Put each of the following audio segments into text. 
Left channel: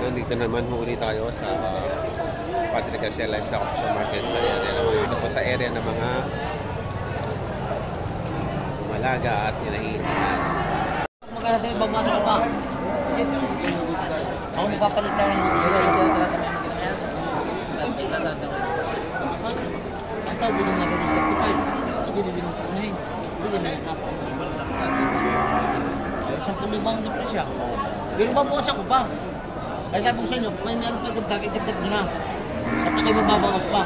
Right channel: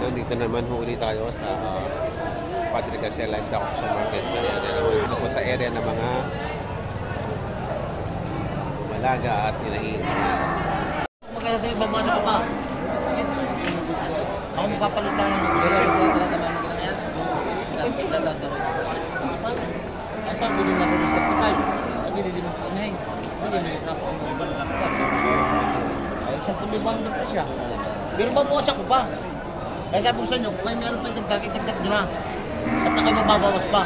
Nandito naman huli tayo sa Padre Garcia Livestock Auction Market sa area naman. Dito po sa area ng mga Malaga at Inahin. Magkala sa'yo, babasa ka pa. Ako magpapalitan ng ito, hindi na rin 35. Hindi na rin 39. Hindi na rin ako. Ay, 10,000 ang depresya. Pero babawas ako pa. Kaya sabi ko sa inyo, kung may meron pa itagdag nyo na. At ako'y mababawas pa.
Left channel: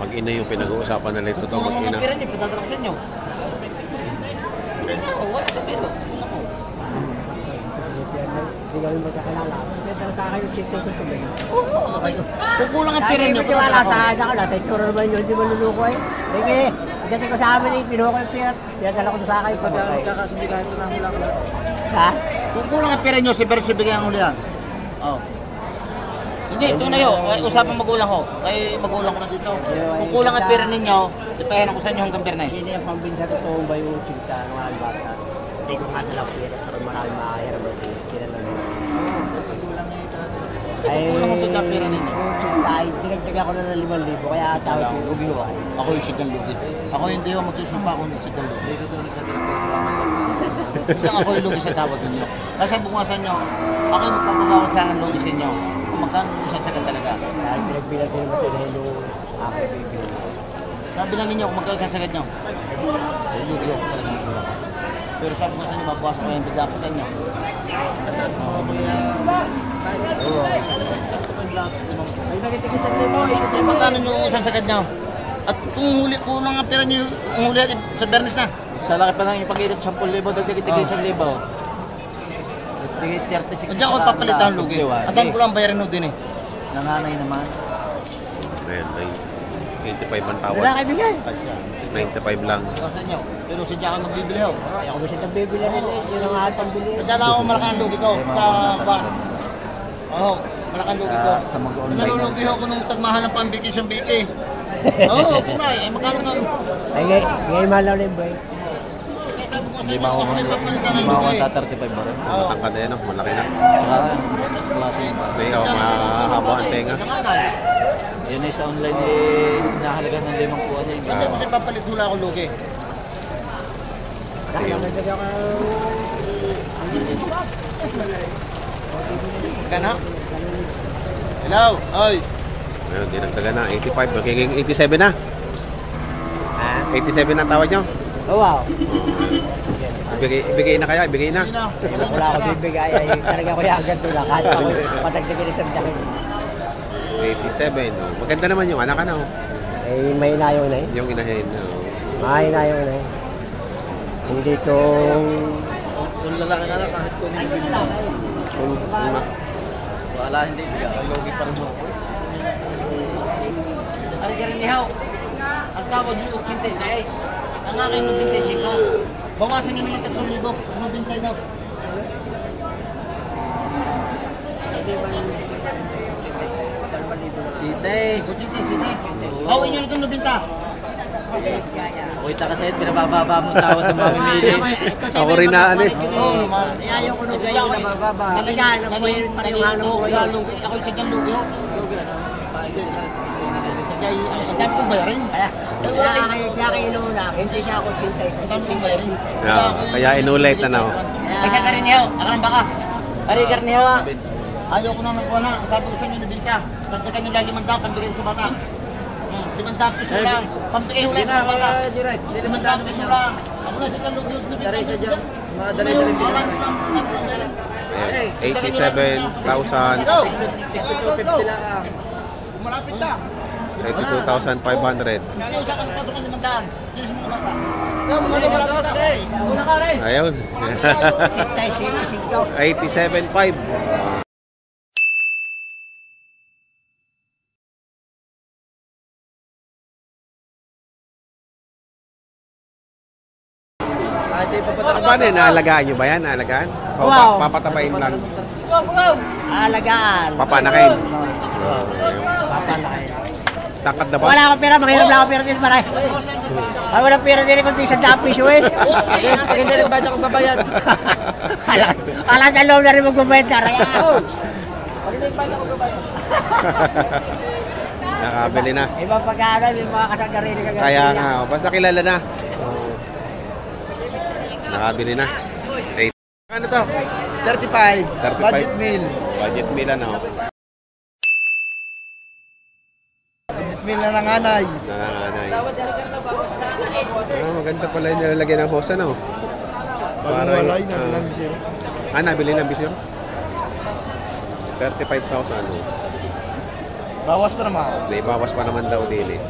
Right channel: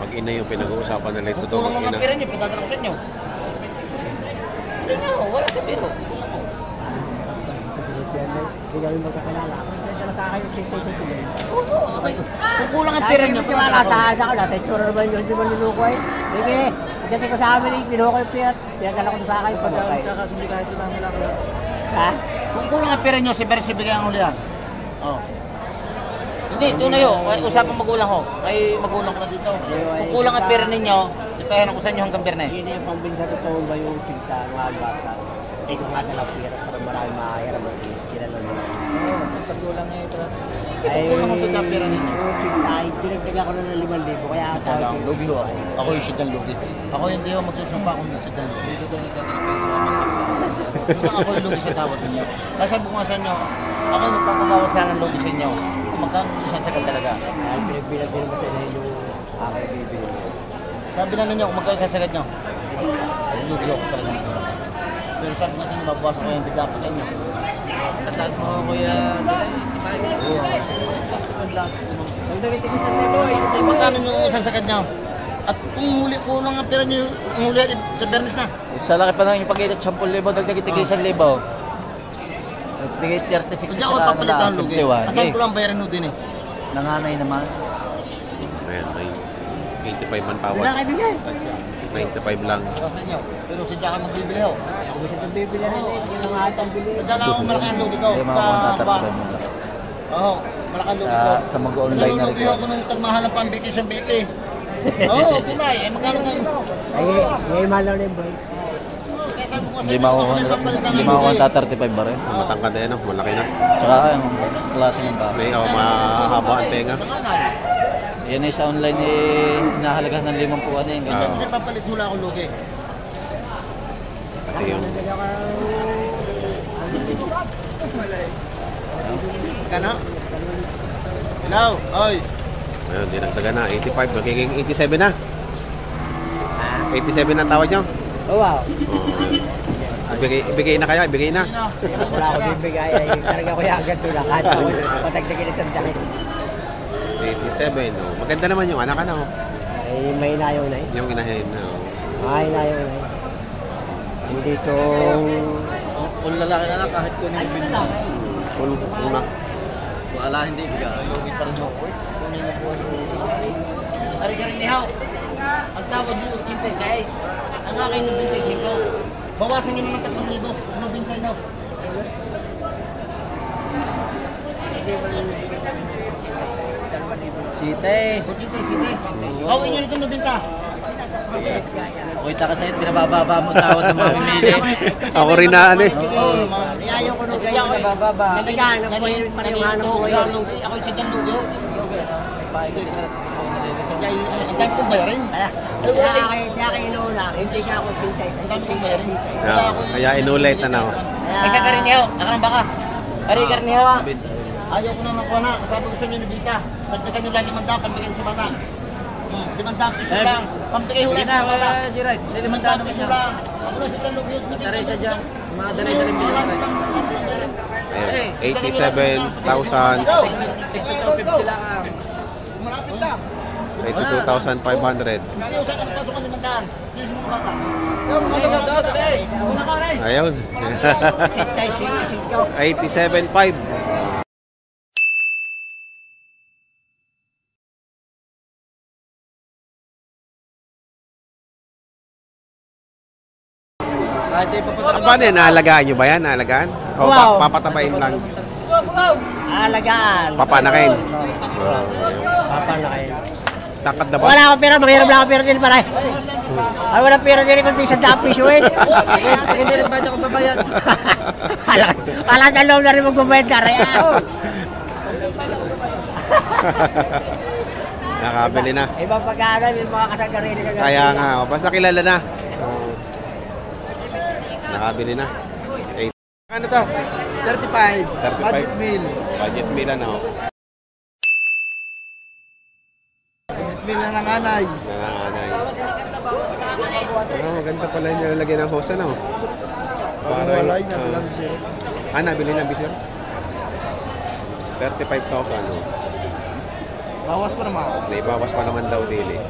Mag-ina yung pinag-uusapan nila ito. Kung kulang ang pera nyo, patadala ko sa inyo. Hindi na, wala sa pero. Kulang ko. Hindi kami magkakalala. Kaya sa akin yung tiktok sa tuloy. Oo, okay. Kung kulang ang pera nyo, patadala ko. Sa akin, sa itsura naman yun, di maluluko eh. Sige, hindi ka sa amin, kinuha ko yung pera. Pinagdala ko sa akin. Tsaka sindikato namin lang. Ha? Kung kulang ang pera nyo, si Beres ibigay ang ulihan. Oo. Hindi, tunay ho. Usapang magulang ho. Kay magulang ko na dito. Kung kulang ang pera ninyo, ipayaran ko sa inyo hanggang Bernes. Hindi yung pambinsa totoo ba yung tigta ng mga bata? Hindi ko nga nalang pera sa maraming makakayara sila lang nila. Pagkulang na ito. Kung kulang ko sa pera ninyo. Yung tigta, dinagdagan ko na ng 5,000 kaya tawag yung lugi ho. Ako yung sigang lugi. Ako hindi ho magsusumpa kung yung sigang lugi. Hindi lang ako yung lugi sa tawad ninyo. Kasi bukasan nyo, ako yung magpapabawas lang ng lugi sa inyo. Kung magkano isang sagad talaga. Dahil pinagbilang ko naman sa inyo yung aking bibilang. Sabi na ninyo kung magkano isang sagad nyo. Ay, lugi ako talaga magulang. Pero sabi ko sa inyo, mabawasan ko yung biglapasan nyo. Kasaan mo, kuya? Oo. Magkano nyo isang sagad nyo? At kung huli ko lang ang pera nyo, kung huli sa Bernes na. Sa laki pa lang yung pag-itot 10,000, dagdag-tigay 1,000. Bigay 36. Hindi ako papalitan ang lugi. At ang kulang bayarin mo din eh. Nanganay naman. Ayan, 85 ang tawad. Wala kayo bigay. 95 lang. Sa inyo. Pero sadya ka magbibili ho. Ako gusto itong bibili rin eh. Yun ang atang bili. Sadya lang ako malaki ang lugi ko sa ban. Oo, malaki ang lugi ko. Sa mag-online na Nalulugi ako nung tagmahan ng pambiki sa biki. Oo, tunay. Eh, magkano nga? Ngayon malaw na yung boy. Kaya sabi ko sa inyo, ako na ipapalitan ng lugi. 35 ba rin? Matangkad na yan, malaki na. Tsaka klase yun ba? May mahaba ang tenga. Yan ay sa online eh, nahalaga ng 5 puwan eh. Kaya sabi ko sa papalit hula ako lugi. Ito yung Gano? Hello, oy. ngayon, dinagdagan na. 85, magiging 87 na. 87 na tawad nyo. Oh wow. Ibigay na kaya, ibigay na. Wala ako bibigay. Talaga ko yung agad tulak. Kahit ako patagdagin isang dahil. 87, no. Maganda naman yung anak, ano. Ay, may inayaw na eh. Yung inahin, no. May inayaw na eh. Hindi itong... Kung lalaki ka lang kahit kung hindi na. Kung na. Wala, hindi ka. Logi pa rin ako eh. Kari-kari nihaw. Ang tawad nyo, 86. Ang akin, 95. Bawasan nyo naman 3,000. 90 daw. Site. Site. Awin nyo na itong 90. Uy, taka sa'yo, pinabababa mo tawad ng mga pamilya. Ako rin na, ano eh. Oo, ayaw ko nung ganyan nabababa. Talagaan, ako yung parang hanap ko Ako yung sigang lugi. Ang dami kong bayarin. Kaya kayo inuuna, hindi siya ako 86. Ang dami kong bayarin. Kaya inulit na, no. Kasi karinihaw, nakarang baka. Ari karinihaw ha. Ayaw ko na ng kuha na. Sabi ko sa inyo, nabinta. Pagdagan nyo lang 500, pambigay ko sa bata. 500 piso lang. Pambigay hula sa bata. 500 piso lang. Ako na sigang lugi. Daray sa dyan. Daray sa rin. Ayun, 87,000. 82,500. Ayaw sa kanong pasukan 500. Dito sa mga bata. Ayun. 87,500. Paano yun? Naalagaan nyo ba yan? Naalagaan? O papatabain lang? Alagaan. Papanakin? Papanakin. Tangkad na ba? Wala akong pera, mahirap lang akong pera din pare. Ay, wala pera din kung isang piso eh. Hindi rin ba ako babayad? Wala sa loob na rin magbabayad ka rin. Nakabili na. Ibang pagkano, may mga kasagarini ka. Kaya nga, oh, basta kilala na. Oh. Nakabili na. Okay. Ano to? 35. 35. Budget meal. Budget meal ano? Budget meal na nanganay. Nanganganay. Maganda pala yung nilalagay ng hosa na. Para nabili na bisyo? 35,000 ano? Bawas pa naman. May bawas pa naman daw din eh.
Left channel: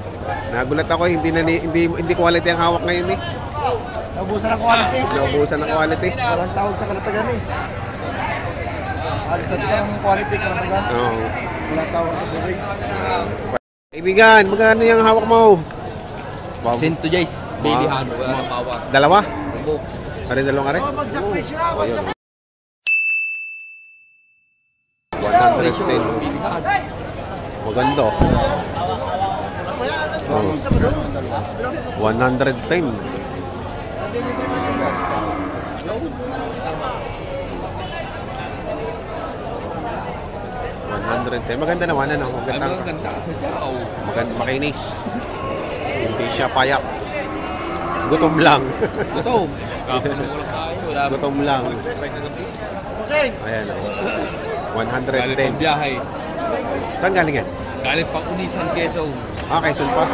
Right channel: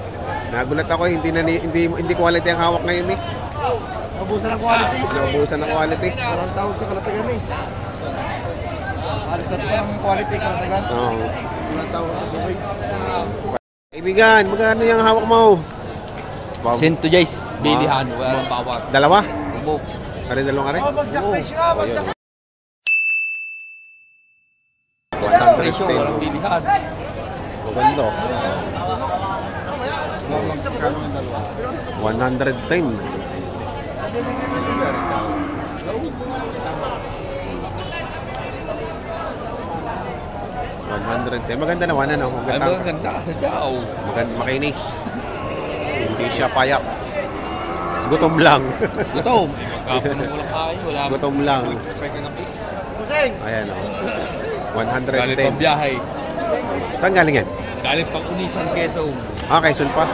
Nagulat ako, hindi quality ang hawak ngayon eh. Naubusan ng quality. Naubusan ng quality. Walang tawag sa kalatagan eh. Alis na ito ang quality kalatagan. Oo. Walang tawag sa bibig. Kaibigan, magkano yung hawak mo? Sento Jace, daily Ma- hand, ma- bawas. Dalawa? Ubo. Kare dalawang kare? Bagsak presyo na. O yun. 110. Daily hand. Maganda. 110. Maganda naman ano, maganda. Ang ganda. Oh. Maganda, makinis. Hindi siya payak. Gutom lang. Gutom. Gutom lang. Ayan o. 110. Biyahe. Saan galing yan? Galing pang Unisan Quezon. Quezon pa.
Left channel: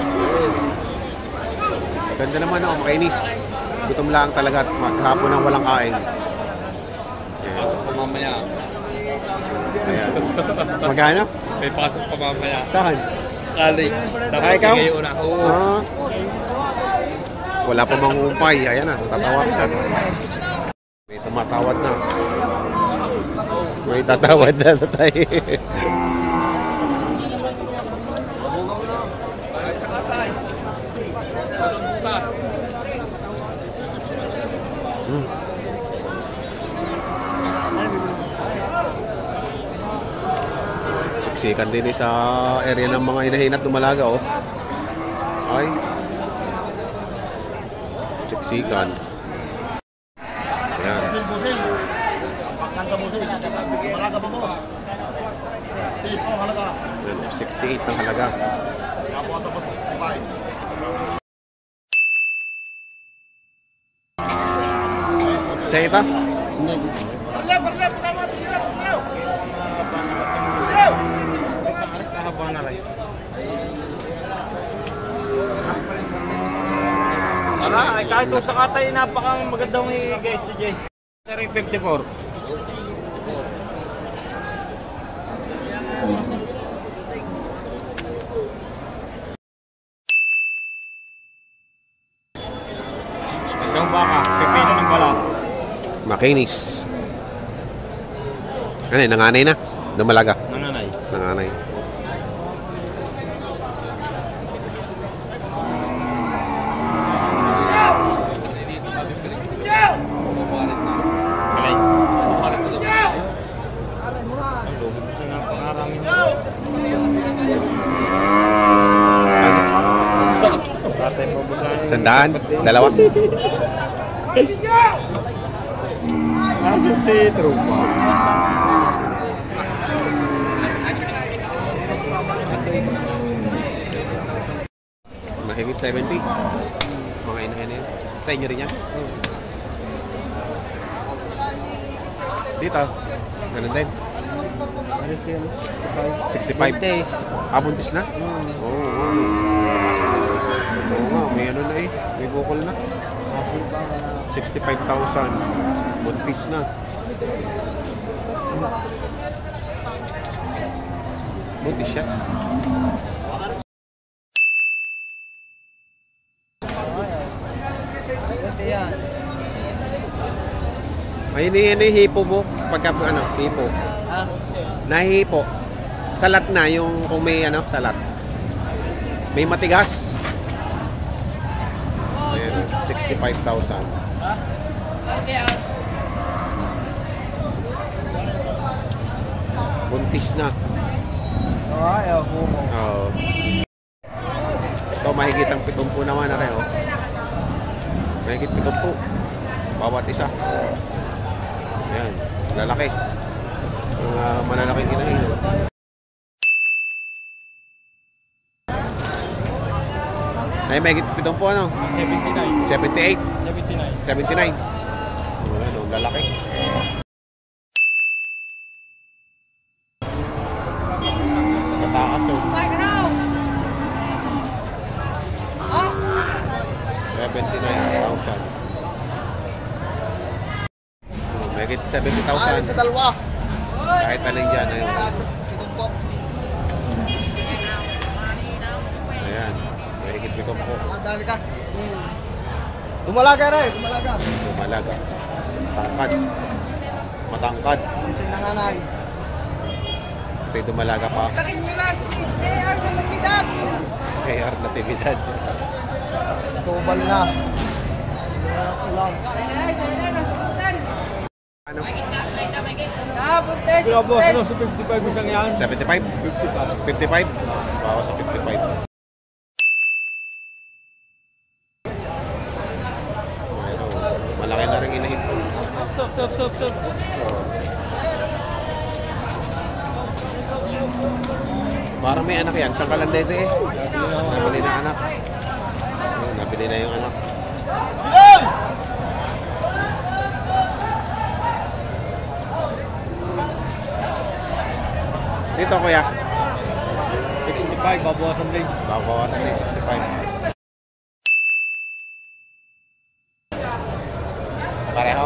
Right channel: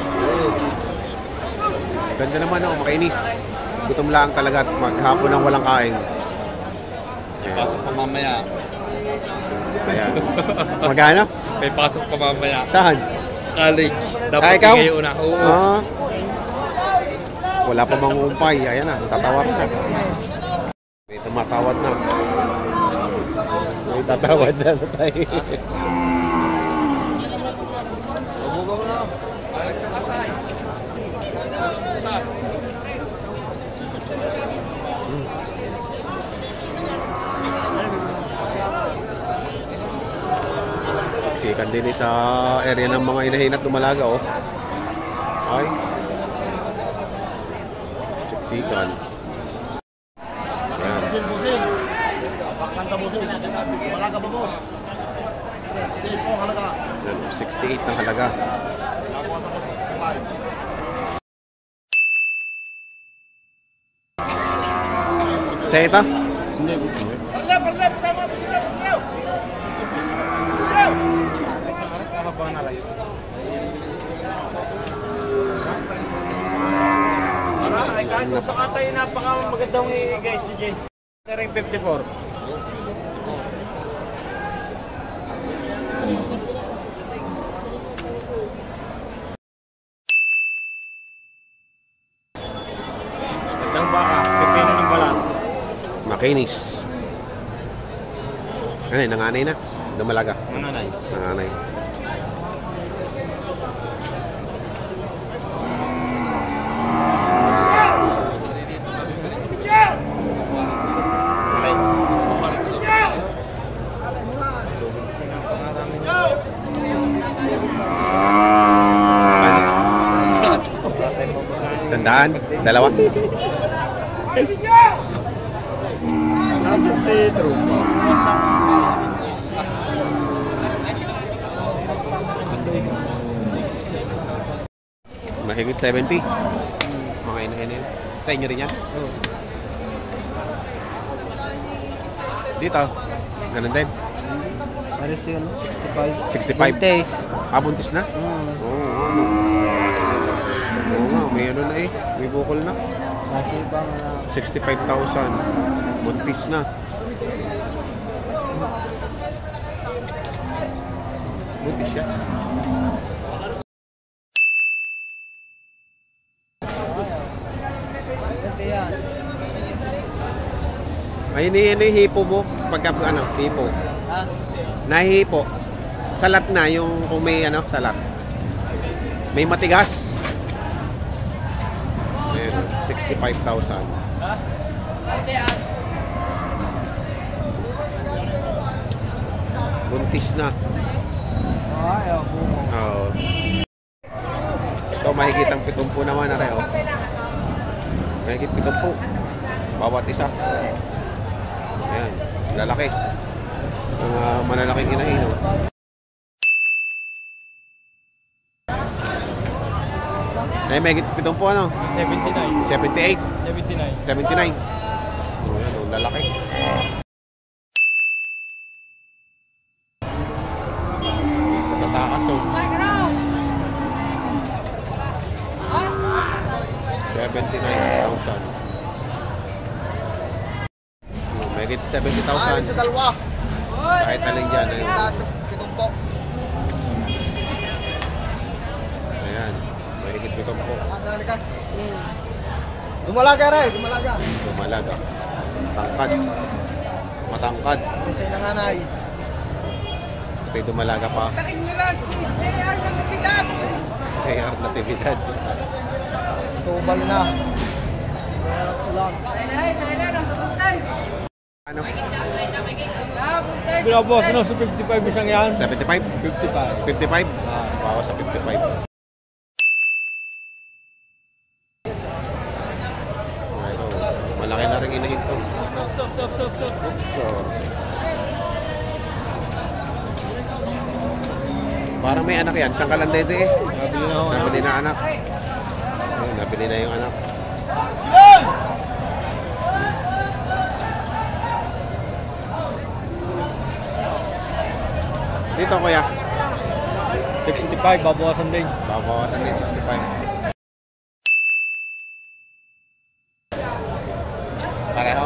Ganda naman o, makinis. Gutom lang talaga at maghapon ng walang kain. Ayan. Pasok pa mamaya. Ayan. Magana? May pasok pa mamaya. Saan? Galing. Dapat ikaw? ngayon na. Oo. Ah. Wala pa mangumpay. Ayan na, tatawar na. May tumatawad na. May tatawad na tayo. Siksikan din sa area ng mga inahin at dumalaga oh. Ay. Siksikan. Ayan. Busil. Pakanta busil. Malaga po po. Stay po halaga. Ayan, 68 ang halaga. Tapos ako 65. Sa ito? Hindi. Kahit sa katay, napaka-magandang i-guide si Jess. Ring 54. Hanggang baka, pipino ng balat. Makinis. Ano yun, nanganay na? Dumalaga. Nanganay. Nanganay. Sandaan? Dalawa? Nasa sitro. Mahigit 70. Mga ina-ina. Sa inyo rin yan? Dito. Ganun din. Alis yun, 65. 65. Buntis. Buntis na? Oo, ano. Oo nga, may ano na eh. May bukol na. 65,000. Buntis na. Buntis siya. Ay, ano yung hipo mo? Pagka, ano, hipo. Nahihipo. Salat na yung, kung may, ano, salat. May matigas. Ayan, 65,000. Buntis na. Oo. mahigit ang 70 naman na rin, oh. Mahigit 70. Bawat isa. Yan, lalaki. Mga malalaking inahin, oh. Ay, mahigit 70 ano? 79. 78. 79. 79. Oh, yan, oh, lalaki. Tatakas, oh. 79,000. Oh, mahigit 70,000. dalawa. Kahit alin dyan, ayun. Kinumpok. Ayan, mahigit 70. Dali ka. Dumalaga rin, dumalaga. Lumalaga. Tangkad. Matangkad. Isang nanganay. Ito'y dumalaga pa. JR Natividad. Tubal na. Ulan. Ano? Binabawas na sa 55 isang yan. 75? 55. 55? Bawa sa 55. Pero, malaki na rin inahin ko. Stop. So, parang may anak yan. Siyang kalandede eh. Nabili na anak. Ayun, nabili na yung anak. Dito kuya. 65, babawasan din. Babawasan din 65. Pareho?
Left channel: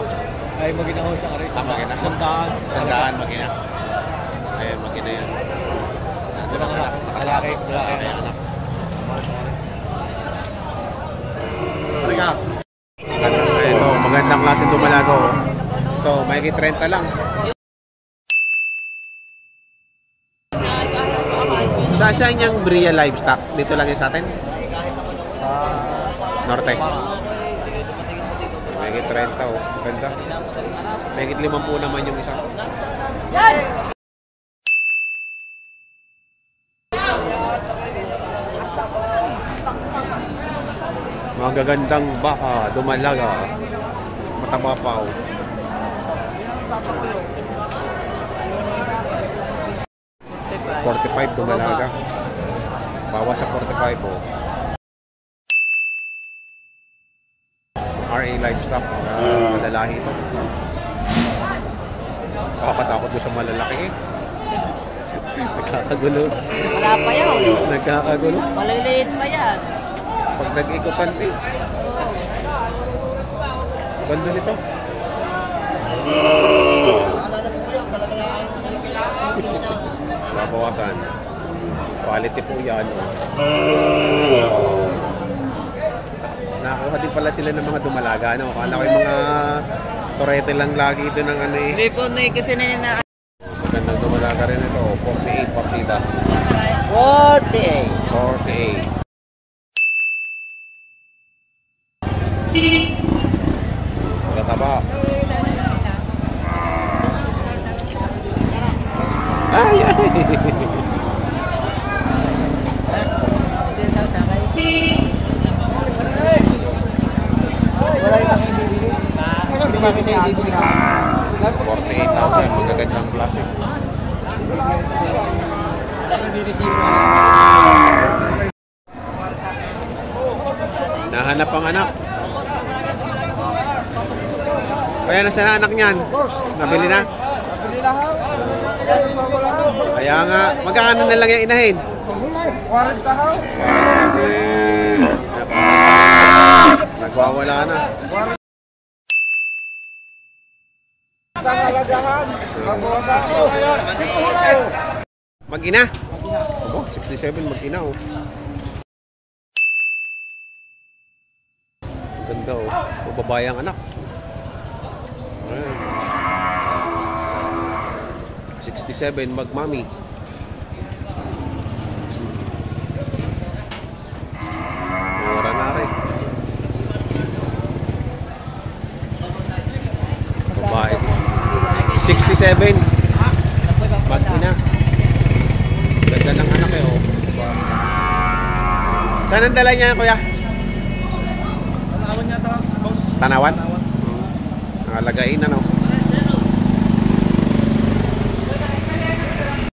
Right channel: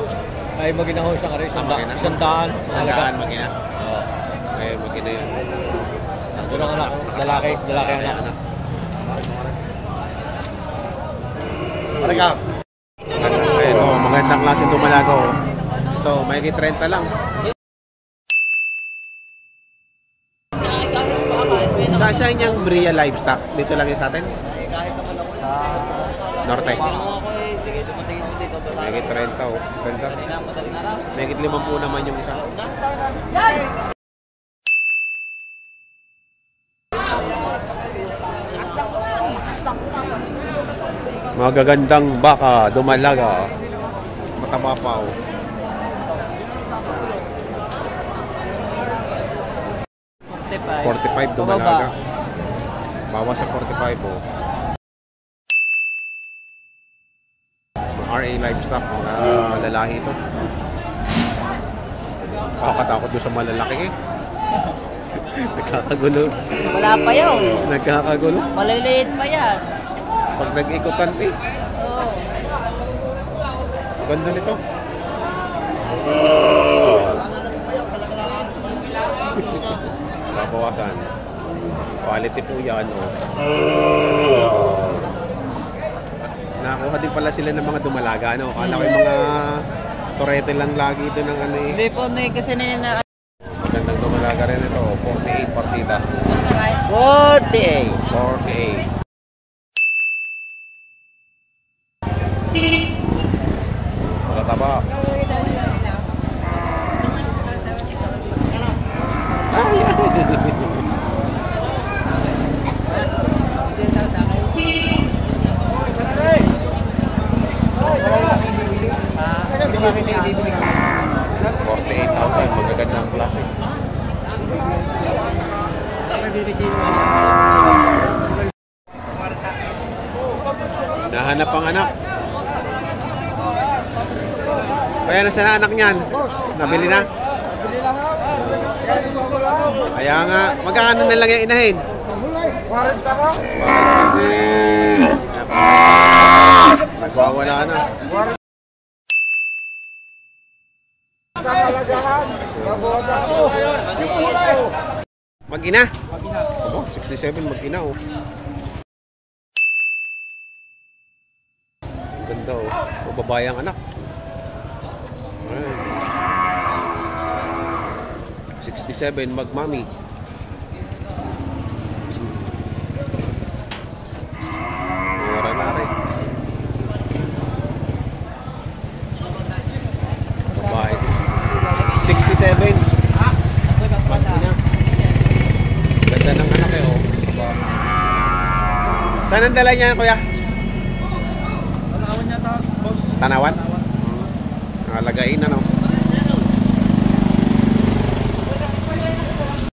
Ay, magina ko isang aray. Magina? Sandaan. Sandaan magina. Ayun, magina yan. Nandun ang anak. Lalaki. Lalaki ang anak. Talaga. Ito, magandang klase dumalago. Ito, may 30 lang. Saan yung Bria Livestock? Dito lang yan sa atin? Norte. May 30 oh. Ganda. May 50 naman yung isa. Magagandang baka, dumalaga. Mataba pa oh. $45 dumalaga. Bawas sa 45 oh. RA Livestock, mga lalaki ito. Nakakatakot doon sa malalaki eh. Nagkakagulo. Wala pa yun. Nagkakagulo. Maliliit pa yan. Pag nag-ikutan eh. Ganda nito. Babawasan. Quality po yan oh. Nakakuha din pala sila ng mga dumalaga ano. Kala ko yung mga torete lang lagi doon ng ano eh. Hindi po na kasi na Magandang dumalaga rin ito. 48 partida. 48. 48. Matataba. Ay, ay. $48,000, magagandang klase. Nahanap ang anak. Kaya nasa na anak niyan? Nabili na? Kaya nga, magkano na lang yung inahin? 40. Nagwawala na. Mag-ina? Abo, 67 mag-ina oh. Ang ganda oh. O babayang anak. Ayan. 67 mag-mami. Mura na rin. Babae. 67 mag-ina. Ganda ng anak eh oh. Saan ang dala niya, kuya? Tanawan niya ta, boss. Tanawan? Nakalagain na, no?